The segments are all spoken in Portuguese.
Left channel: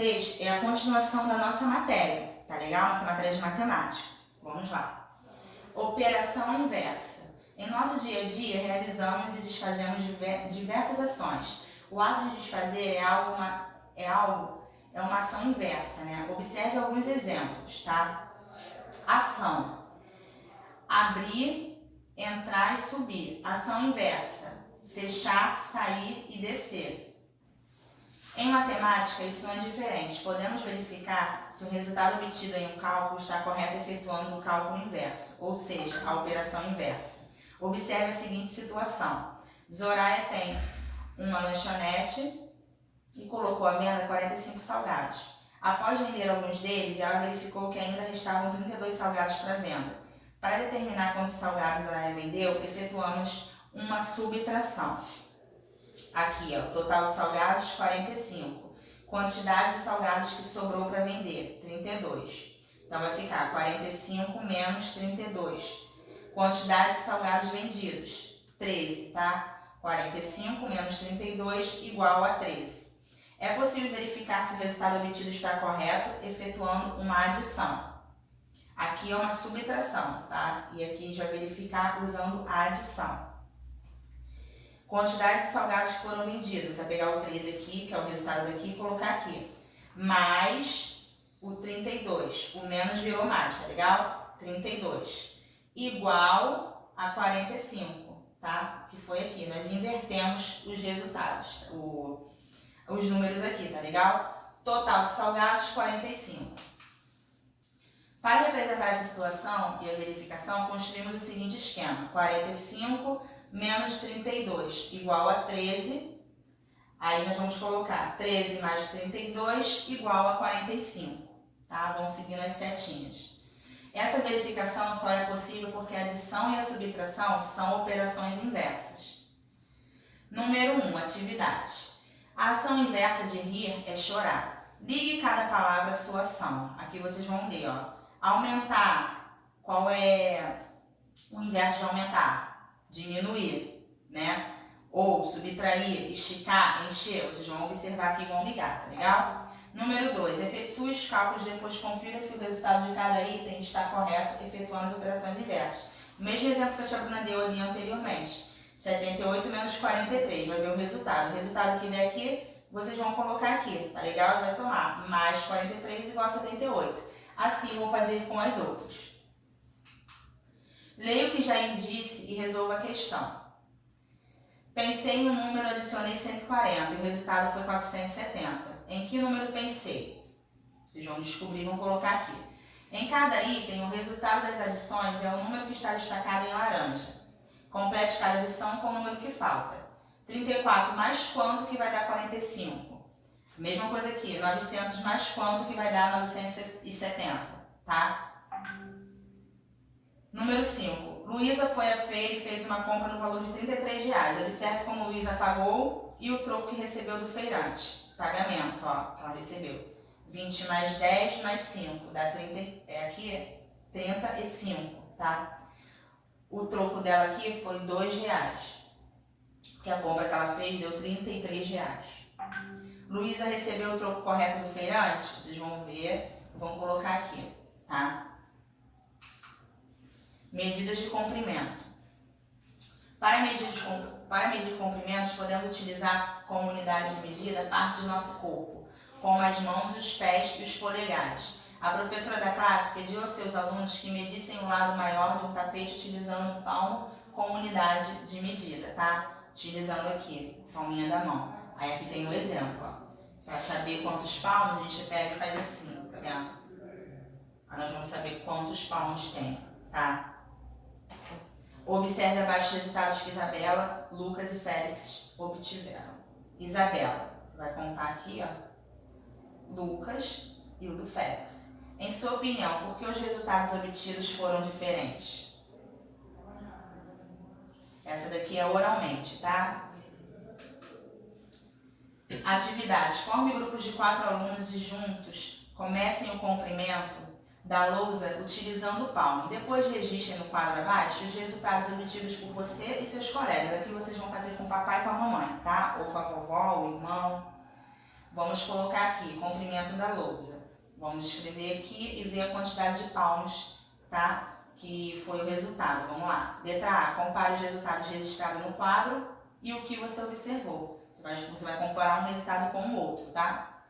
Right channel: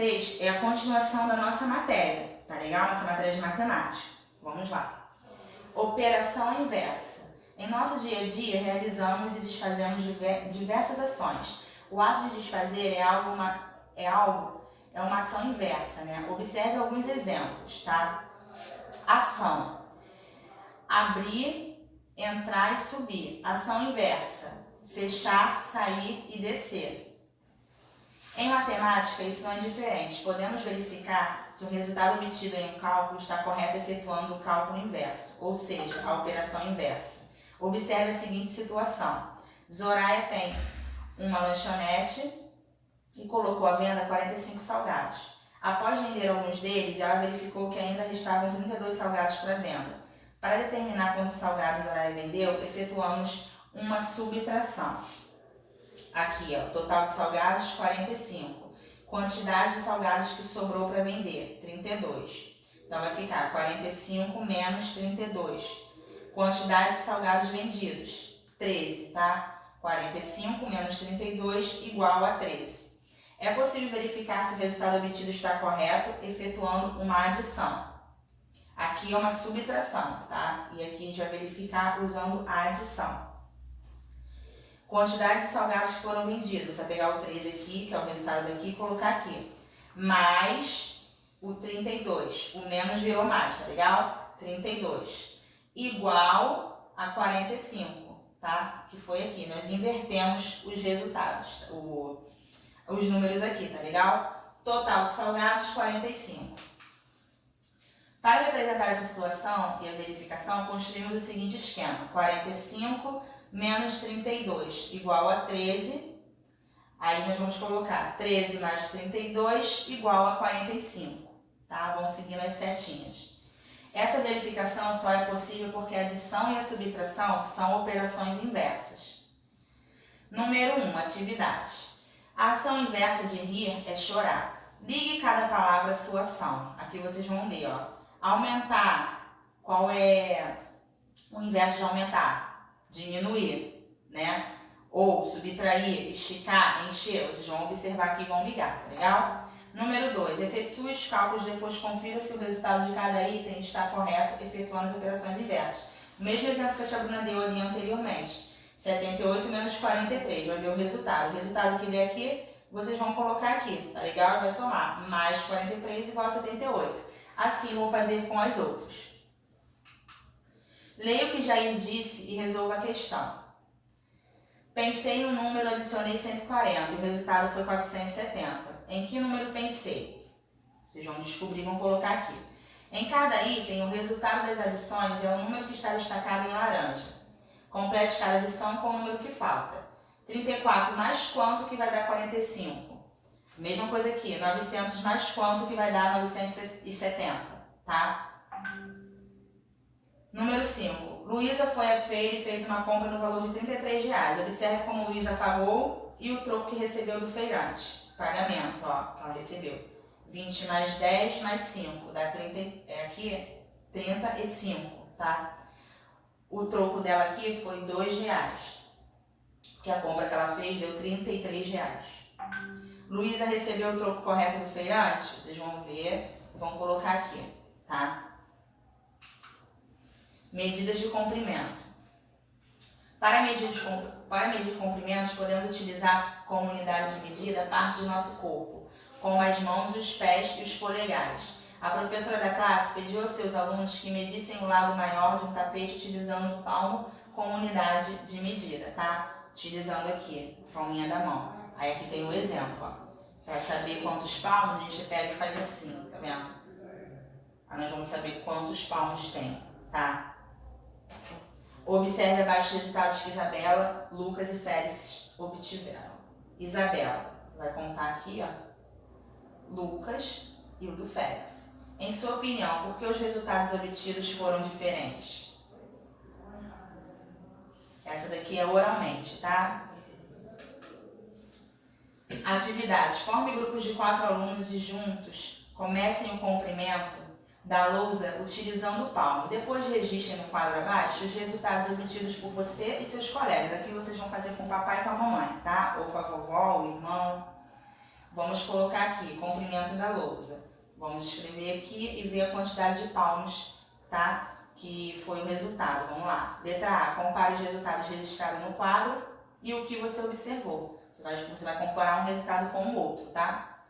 vocês é a continuação da nossa matéria, tá legal? Nossa matéria de matemática. Vamos lá. Operação inversa. Em nosso dia a dia, realizamos e desfazemos diversas ações. O ato de desfazer é uma ação inversa, né? Observe alguns exemplos, tá? Ação: abrir, entrar e subir. Ação inversa: fechar, sair e descer. Em matemática, isso não é diferente. Podemos verificar se o resultado obtido em um cálculo está correto efetuando o cálculo inverso, ou seja, a operação inversa. Observe a seguinte situação. Zoraia tem uma lanchonete e colocou à venda 45 salgados. Após vender alguns deles, ela verificou que ainda restavam 32 salgados para venda. Para determinar quantos salgados Zoraia vendeu, efetuamos uma subtração. Aqui, ó, total de salgados, 45. Quantidade de salgados que sobrou para vender, 32. Então, vai ficar 45 menos 32. Quantidade de salgados vendidos, 13, tá? 45 menos 32 igual a 13. É possível verificar se o resultado obtido está correto, efetuando uma adição. Aqui é uma subtração, tá? E aqui a gente vai verificar usando a adição. Quantidade de salgados que foram vendidos. Vai pegar o 13 aqui, que é o resultado daqui, e colocar aqui. Mais o 32. O menos virou mais, tá legal? 32. Igual a 45, tá? Que foi aqui. Nós invertemos os resultados, os números aqui, tá legal? Total de salgados, 45. Para representar essa situação e a verificação, construímos o seguinte esquema. 45 menos 32 igual a 13. Aí nós vamos colocar 13 mais 32 igual a 45. Tá? Vão seguindo as setinhas. Essa verificação só é possível porque a adição e a subtração são operações inversas. Número 1, atividade. A ação inversa de rir é chorar. Ligue cada palavra à sua ação. Aqui vocês vão ler, ó. Aumentar. Qual é o inverso de aumentar? Diminuir, né? Ou subtrair, esticar, encher. Vocês vão observar aqui e vão ligar, tá legal? Número 2, efetue os cálculos, depois confira se o resultado de cada item está correto, efetuando as operações inversas. O mesmo exemplo que a tia Bruna deu ali anteriormente. 78 menos 43, vai ver o resultado. O resultado que der aqui, vocês vão colocar aqui, tá legal? E vai somar. Mais 43 igual a 78. Assim vou fazer com as outras. Leia o que Jair disse e resolva a questão. Pensei em um número, adicionei 140 e o resultado foi 470. Em que número pensei? Vocês vão descobrir e vão colocar aqui. Em cada item, o resultado das adições é o número que está destacado em laranja. Complete cada adição com o número que falta. 34 mais quanto que vai dar 45? Mesma coisa aqui, 900 mais quanto que vai dar 970, tá? Número 5. Luísa foi à feira e fez uma compra no valor de R$33. Observe como Luísa pagou e o troco que recebeu do feirante. Pagamento, ó, que ela recebeu. 20 mais 10 mais 5, dá 30, aqui 35, tá? O troco dela aqui foi R$2, que a compra que ela fez deu R$33. Luísa recebeu o troco correto do feirante? Vocês vão ver, vão colocar aqui, tá? Medidas de comprimento. Para medir comprimentos, podemos utilizar como unidade de medida parte do nosso corpo, como as mãos, os pés e os polegares. A professora da classe pediu aos seus alunos que medissem o lado maior de um tapete utilizando o palmo como unidade de medida, tá? Utilizando aqui, palminha da mão. Aí aqui tem o exemplo, ó. Para saber quantos palmos, a gente pega e faz assim, tá vendo? Aí nós vamos saber quantos palmos tem, tá? Observe abaixo os resultados que Isabela, Lucas e Félix obtiveram. Isabela, você vai contar aqui, ó. Lucas e o do Félix. Em sua opinião, por que os resultados obtidos foram diferentes? Essa daqui é oralmente, tá? Atividade. Forme grupos de 4 alunos e juntos comecem o comprimento da lousa utilizando o palmo. Depois registrem no quadro abaixo os resultados obtidos por você e seus colegas. Aqui vocês vão fazer com o papai e com a mamãe, tá? Ou com a vovó, o irmão. Vamos colocar aqui, comprimento da lousa. Vamos escrever aqui e ver a quantidade de palmos, tá? Que foi o resultado. Vamos lá. Letra A, compare os resultados registrados no quadro e o que você observou. Você vai comparar um resultado com o outro, tá?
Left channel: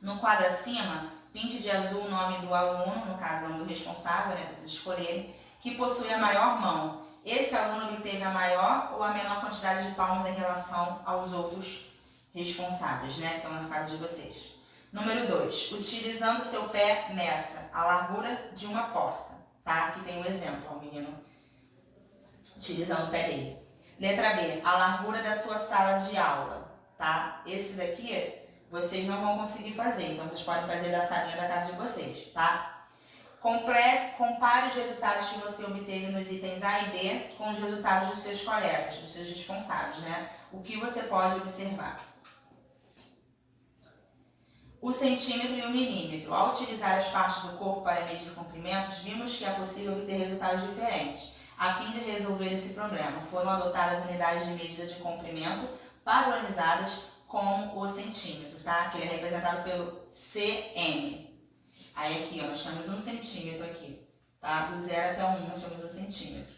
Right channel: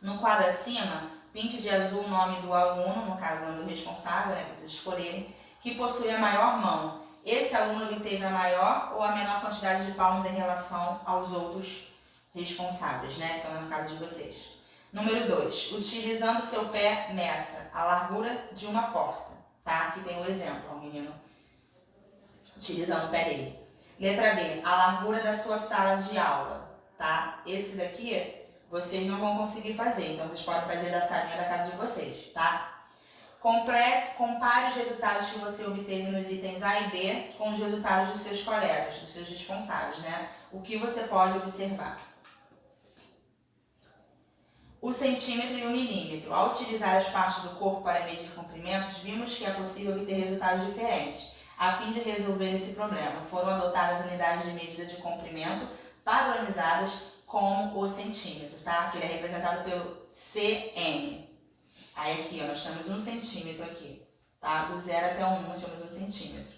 No quadro acima, pinte de azul o nome do aluno, no caso o nome do responsável, né, para vocês escolherem, que possui a maior mão. Esse aluno obteve a maior ou a menor quantidade de palmos em relação aos outros responsáveis, né, que estão na casa de vocês. Número 2, utilizando seu pé, meça a largura de uma porta, tá? Aqui tem o exemplo, ó, o menino utilizando o pé dele. Letra B, a largura da sua sala de aula, tá? Esse daqui vocês não vão conseguir fazer, então vocês podem fazer da salinha da casa de vocês, tá? Compare os resultados que você obteve nos itens A e B com os resultados dos seus colegas, dos seus responsáveis, né? O que você pode observar? O centímetro e o milímetro. Ao utilizar as partes do corpo para medir comprimentos, vimos que é possível obter resultados diferentes. A fim de resolver esse problema, foram adotadas unidades de medida de comprimento padronizadas como o centímetro, tá? Que ele é representado pelo cm. Aí aqui, ó, nós temos 1 centímetro aqui, tá? Do 0 até o 1, nós temos 1 centímetro.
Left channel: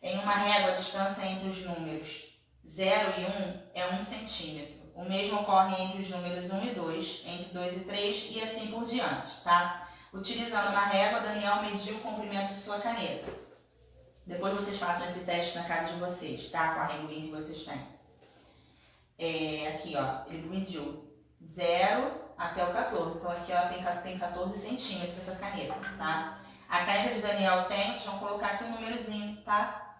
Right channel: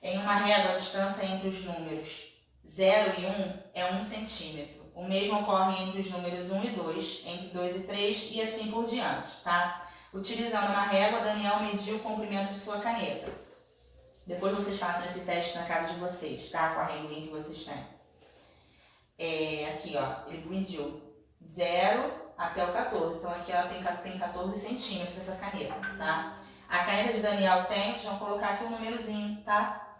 Em uma régua, a distância entre os números 0 e 1 é 1 centímetro. O mesmo ocorre entre os números 1 e 2, entre 2 e 3 e assim por diante, tá? Utilizando uma régua, Daniel mediu o comprimento de sua caneta. Depois vocês façam esse teste na casa de vocês, tá? Com a reguinha que vocês têm. Aqui, ó, ele mediu 0 até o 14. Então aqui ela tem 14 centímetros essa caneta, tá? A caneta de Daniel tem, vocês vão colocar aqui um númerozinho, tá?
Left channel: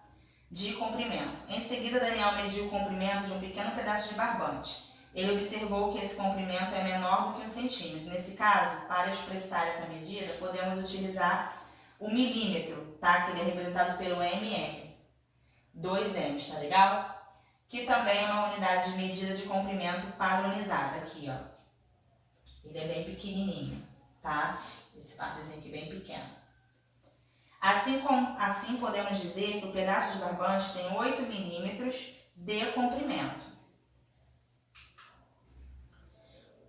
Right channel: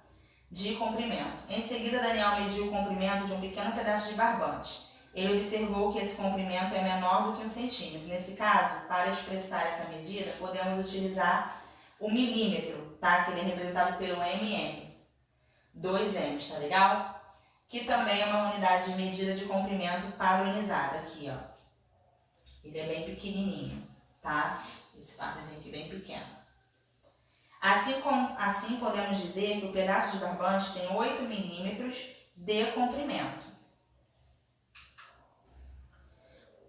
De comprimento. Em seguida, Daniel mediu o comprimento de um pequeno pedaço de barbante. Ele observou que esse comprimento é menor do que 1 centímetro. Nesse caso, para expressar essa medida, podemos utilizar o milímetro, tá? Que ele é representado pelo mm. 2 m's, tá legal? Que também é uma unidade de medida de comprimento padronizada aqui, ó. Ele é bem pequenininho, tá? Esse partezinho aqui bem pequeno. Assim podemos dizer que o pedaço de barbante tem 8 milímetros de comprimento.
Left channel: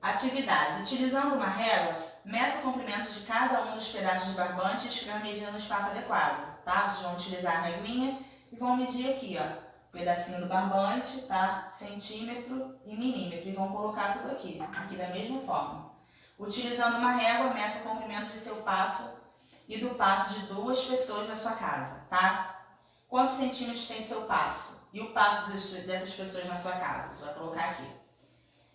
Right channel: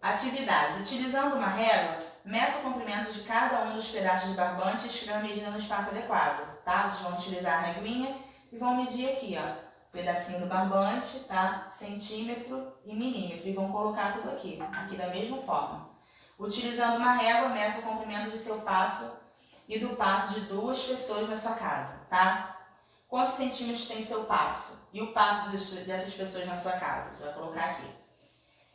Atividades. Utilizando uma régua, meça o comprimento de cada um dos pedaços de barbante e escreva a medida no espaço adequado, tá? Vocês vão utilizar a reguinha e vão medir aqui, ó, pedacinho do barbante, tá? Centímetro e milímetro, e vão colocar tudo aqui da mesma forma. Utilizando uma régua, meça o comprimento de seu passo e do passo de 2 pessoas na sua casa, tá? Quantos centímetros tem seu passo? E o passo dessas pessoas na sua casa? Você vai colocar aqui.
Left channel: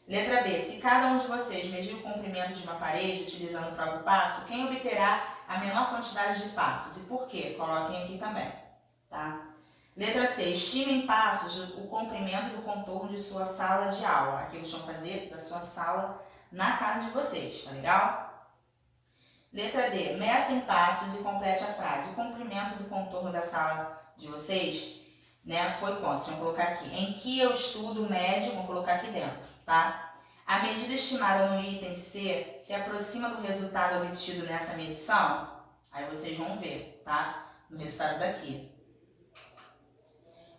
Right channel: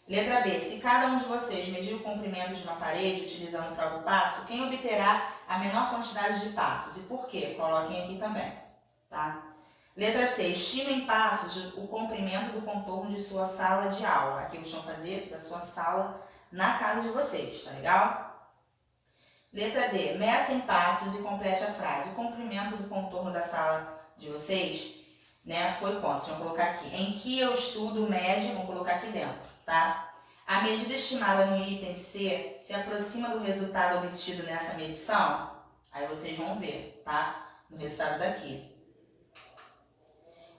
Letra B. Se cada um de vocês medir o comprimento de uma parede utilizando o próprio passo, quem obterá a menor quantidade de passos? E por quê? Coloquem aqui também, tá? Letra C. Estime em passos o comprimento do contorno de sua sala de aula. Aqui vocês vão fazer da sua sala na casa de vocês, tá legal? Letra D. Meça em passos e complete a frase. O comprimento do contorno da sala de vocês, né, foi quanto? Vocês vão colocar aqui. Em que eu estudo médio, vão colocar aqui dentro, tá? A medida estimada no item C se aproxima do resultado obtido nessa medição? Aí vocês vão ver, tá? No resultado daqui.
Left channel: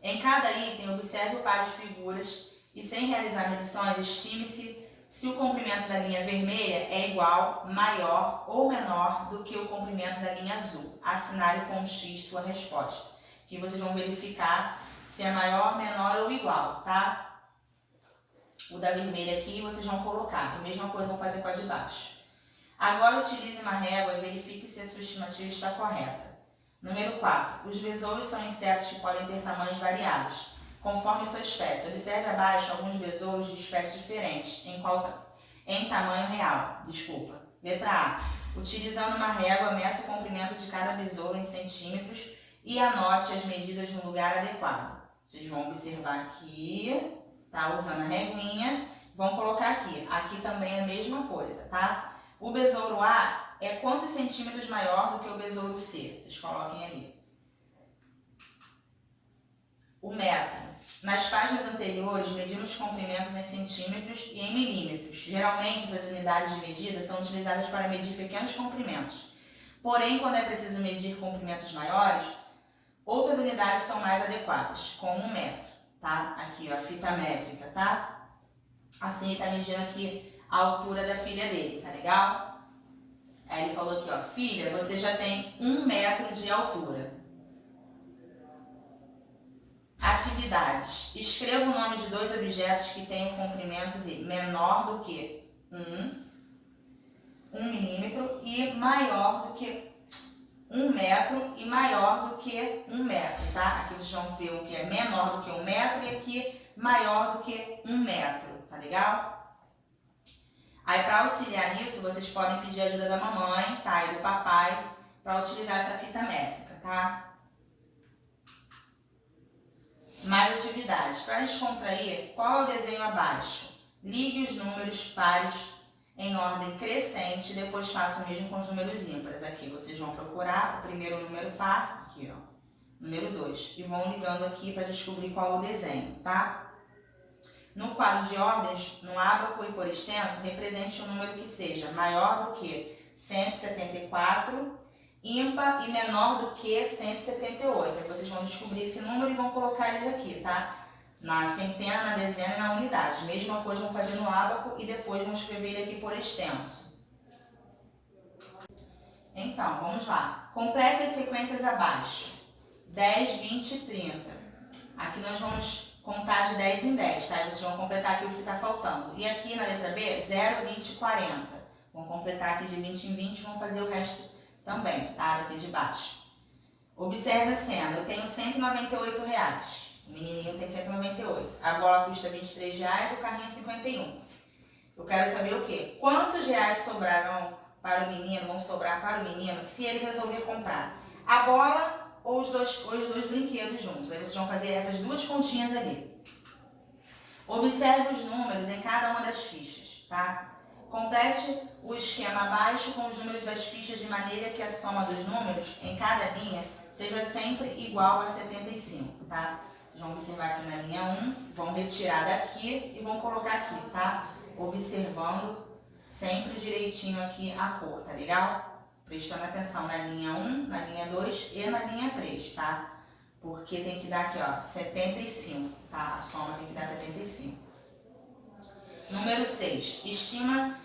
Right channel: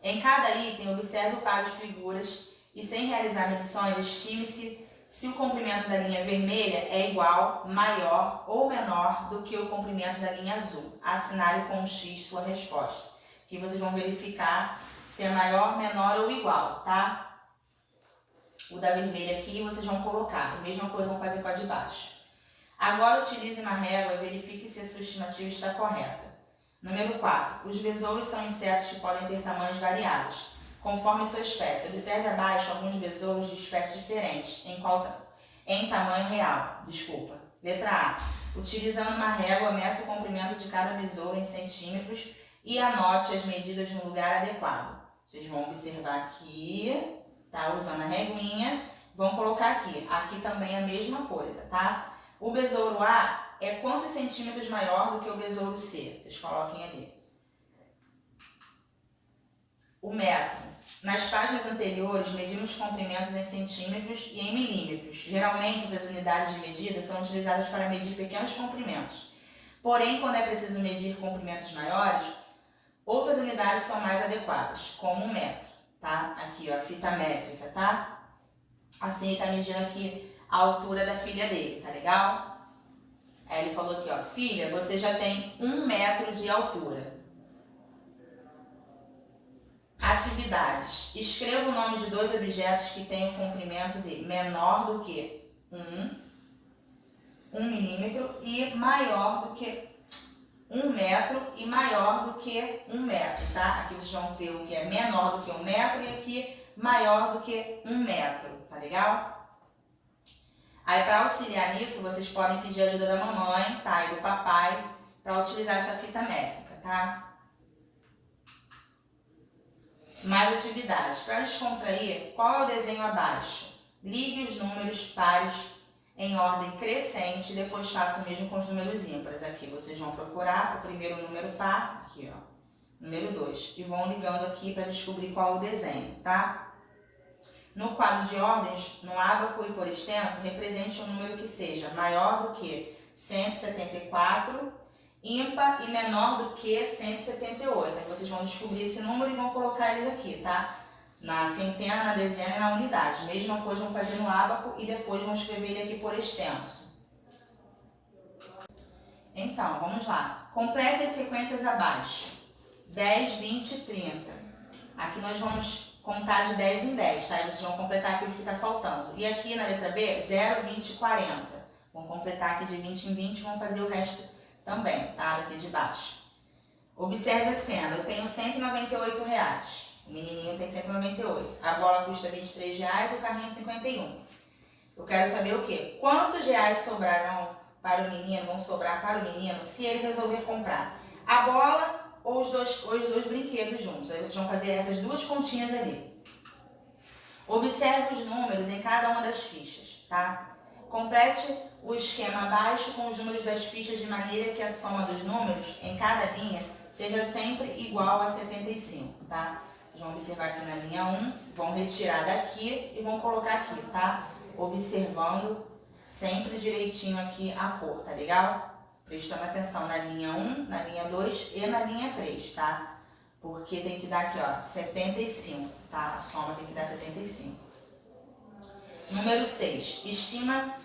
Em cada item, observe o par de figuras e, sem realizar medições, estime-se se o comprimento da linha vermelha é igual, maior ou menor do que o comprimento da linha azul. Assinale com um X sua resposta. Que vocês vão verificar se é maior, menor ou igual, tá? O da vermelha aqui vocês vão colocar. A mesma coisa vão fazer com a de baixo. Agora utilize uma régua e verifique se a sua estimativa está correta. Número 4. Os besouros são insetos que podem ter tamanhos variados, conforme sua espécie. Observe abaixo alguns besouros de espécies diferentes, em tamanho real. Letra A. Utilizando uma régua, meça o comprimento de cada besouro em centímetros e anote as medidas no lugar adequado. Vocês vão observar aqui, tá? Usando a reguinha, vão colocar aqui. Aqui também é a mesma coisa, tá? O besouro A é quantos centímetros maior do que o besouro C? Vocês coloquem ali. O metro. Nas páginas anteriores, medimos comprimentos em centímetros e em milímetros. Geralmente, essas unidades de medida são utilizadas para medir pequenos comprimentos. Porém, quando é preciso medir comprimentos maiores, outras unidades são mais adequadas, como o metro, tá? Aqui, ó, a fita métrica, tá? Assim ele tá medindo aqui a altura da filha dele, tá legal? Aí ele falou aqui, ó, filha, você já tem 1 metro de altura. Atividades. Escreva o nome de 2 objetos que têm um comprimento de menor do que 1 milímetro e maior do que 1 metro e maior do que 1 metro, tá? Aqui vocês vão ver o que é menor do que 1 metro e aqui maior do que 1 metro, tá legal? Aí, para auxiliar nisso, vocês podem pedir ajuda da mamãe, tá? E do papai, para utilizar essa fita métrica, tá? Mais atividades. Para descontrair, qual é o desenho abaixo? Ligue os números pares em ordem crescente, depois faça o mesmo com os números ímpares. Aqui vocês vão procurar o primeiro número par, aqui ó, número 2, e vão ligando aqui para descobrir qual é o desenho, tá? No quadro de ordens, no ábaco e por extenso, represente um número que seja maior do que 174, ímpar e menor do que 178. Aí vocês vão descobrir esse número e vão colocar ele aqui, tá? Na centena, na dezena e na unidade. Mesma coisa vão fazer no ábaco e depois vão escrever ele aqui por extenso. Então, vamos lá. Complete as sequências abaixo. 10, 20 e 30. Aqui nós vamos contar de 10 em 10, tá? E vocês vão completar aquilo que está faltando. E aqui na letra B, 0, 20 e 40. Vão completar aqui de 20 em 20 e vão fazer o resto também, tá? Daqui de baixo. Observe a cena. Eu tenho R$198. O menininho tem 198. A bola custa R$23 e o carrinho 51. Eu quero saber o quê? Quantos reais sobrarão para o menino, vão sobrar para o menino, se ele resolver comprar a bola ou os dois brinquedos juntos. Aí vocês vão fazer essas 2 continhas ali. Observe os números em cada uma das fichas, tá? Complete o esquema abaixo com os números das fichas de maneira que a soma dos números em cada linha seja sempre igual a 75, tá? Vocês vão observar aqui na linha 1, vão retirar daqui e vão colocar aqui, tá? Observando sempre direitinho aqui a cor, tá legal? Prestando atenção na linha 1, na linha 2 e na linha 3, tá? Porque tem que dar aqui, ó, 75, tá? A soma tem que dar 75. Número 6. Estime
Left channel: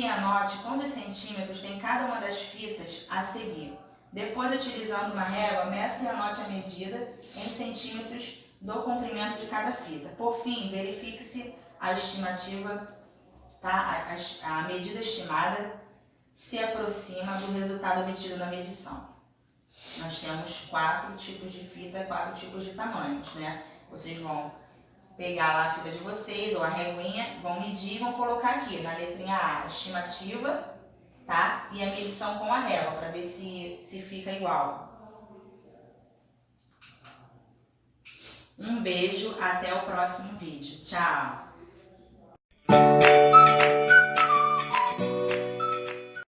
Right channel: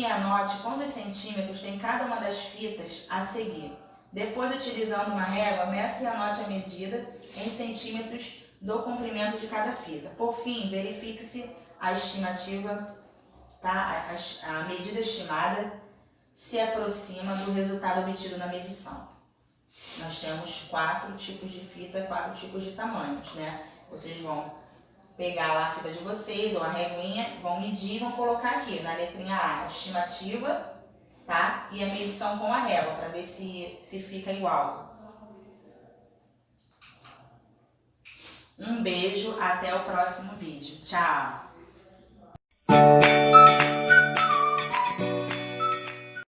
e anote quantos centímetros tem cada uma das fitas a seguir. Depois, utilizando uma régua, meça e anote a medida em centímetros do comprimento de cada fita. Por fim, verifique-se a estimativa, tá? A medida estimada se aproxima do resultado obtido na medição. Nós temos 4 tipos de fita, 4 tipos de tamanhos, né? Vocês vão pegar lá a fita de vocês ou a reguinha, vão medir e vão colocar aqui na letrinha A a estimativa, tá? E a medição com a régua, para ver se fica igual. Um beijo, até o próximo vídeo. Tchau!